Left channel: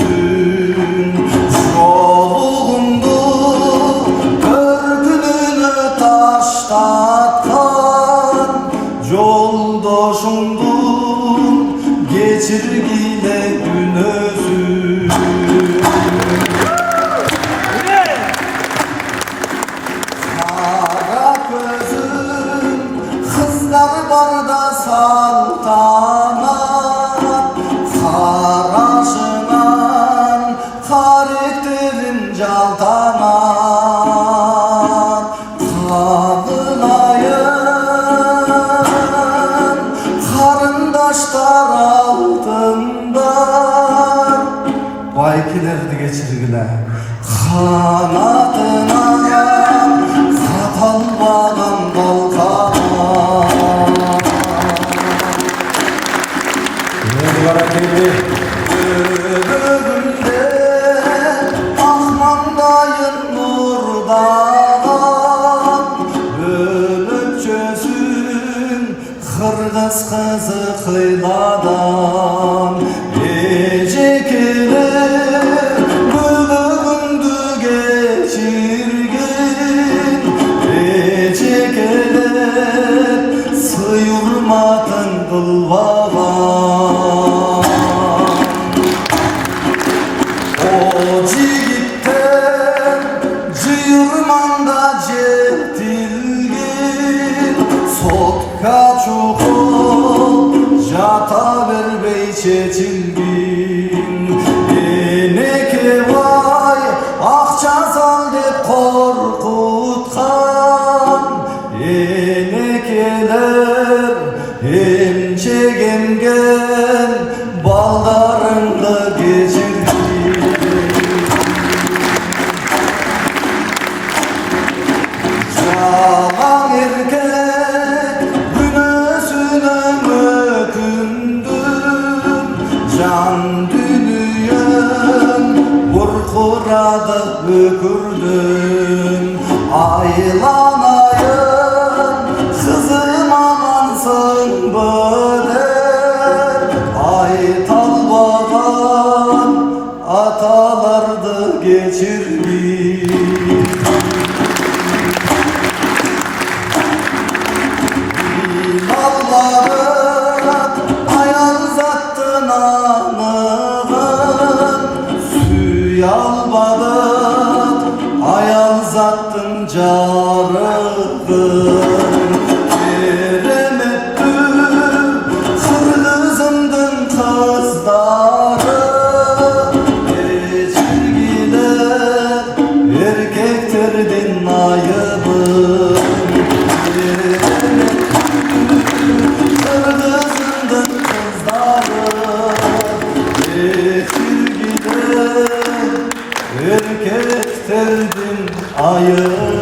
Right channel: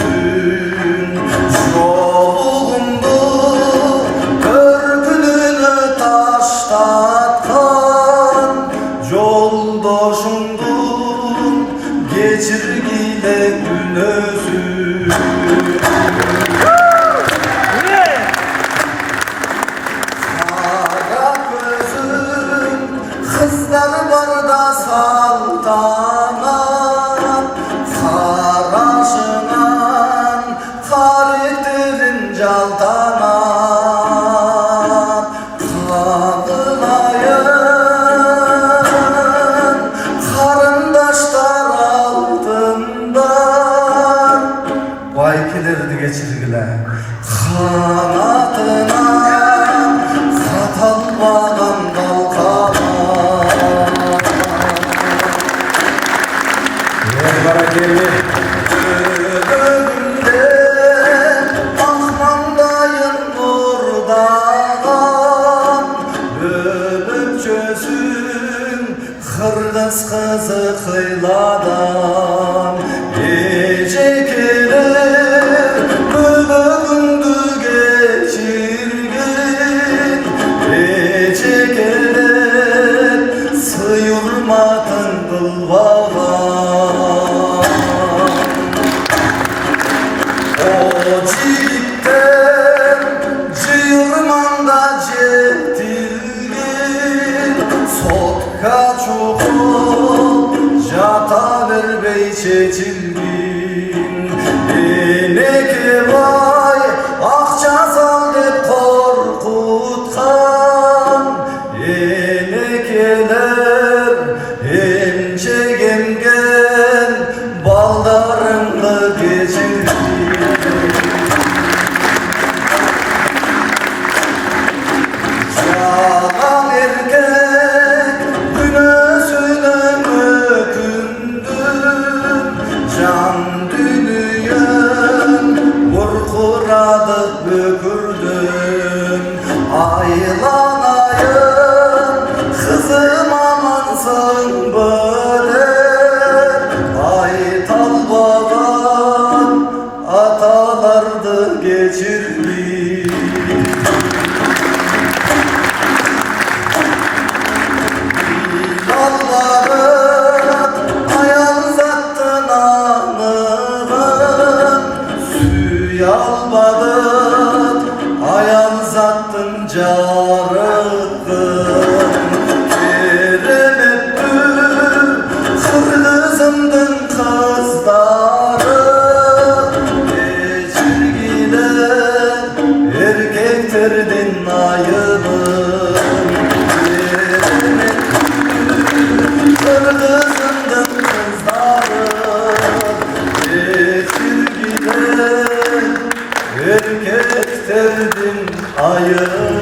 gözün Yolundu körpününü taşlatkan Yoldaşımdun geçirgide gün özün Kara gözün kızlar var da saltanat Karaşınan karakterin caltanat Kadınayın karındaşlar altında Baykilerdi geçirgiler kanatına Satal bağın kalkana Ölümde ahmandayın nurdan Ölüp çözün kırgız kızı kıyladan Gece gelir ölümdü geçirgin Gece gelir sıyırmadın kılvadan O cigitten cıyırmanda cettilgin Sotka çukur jata berbey çeçilgin Eneke vay akça sal dep korkutkan Enekeler ençegengen baldarınlı geçirgin Yalan erkek günüsüne mökündüm Can dünyam burkuradık bökürdüm Aylanayım kızım amansın böyle Ay talbadan atalardı geçirdi Allah'ın ayağın zattın anığın Süyalmadın ayağın zattın carığın Eren ettim kırlızımdın kızları Geçirgide erkekterdin ayıbın Kırgızımdın kızları Geçirgide erkekterdin ayıbın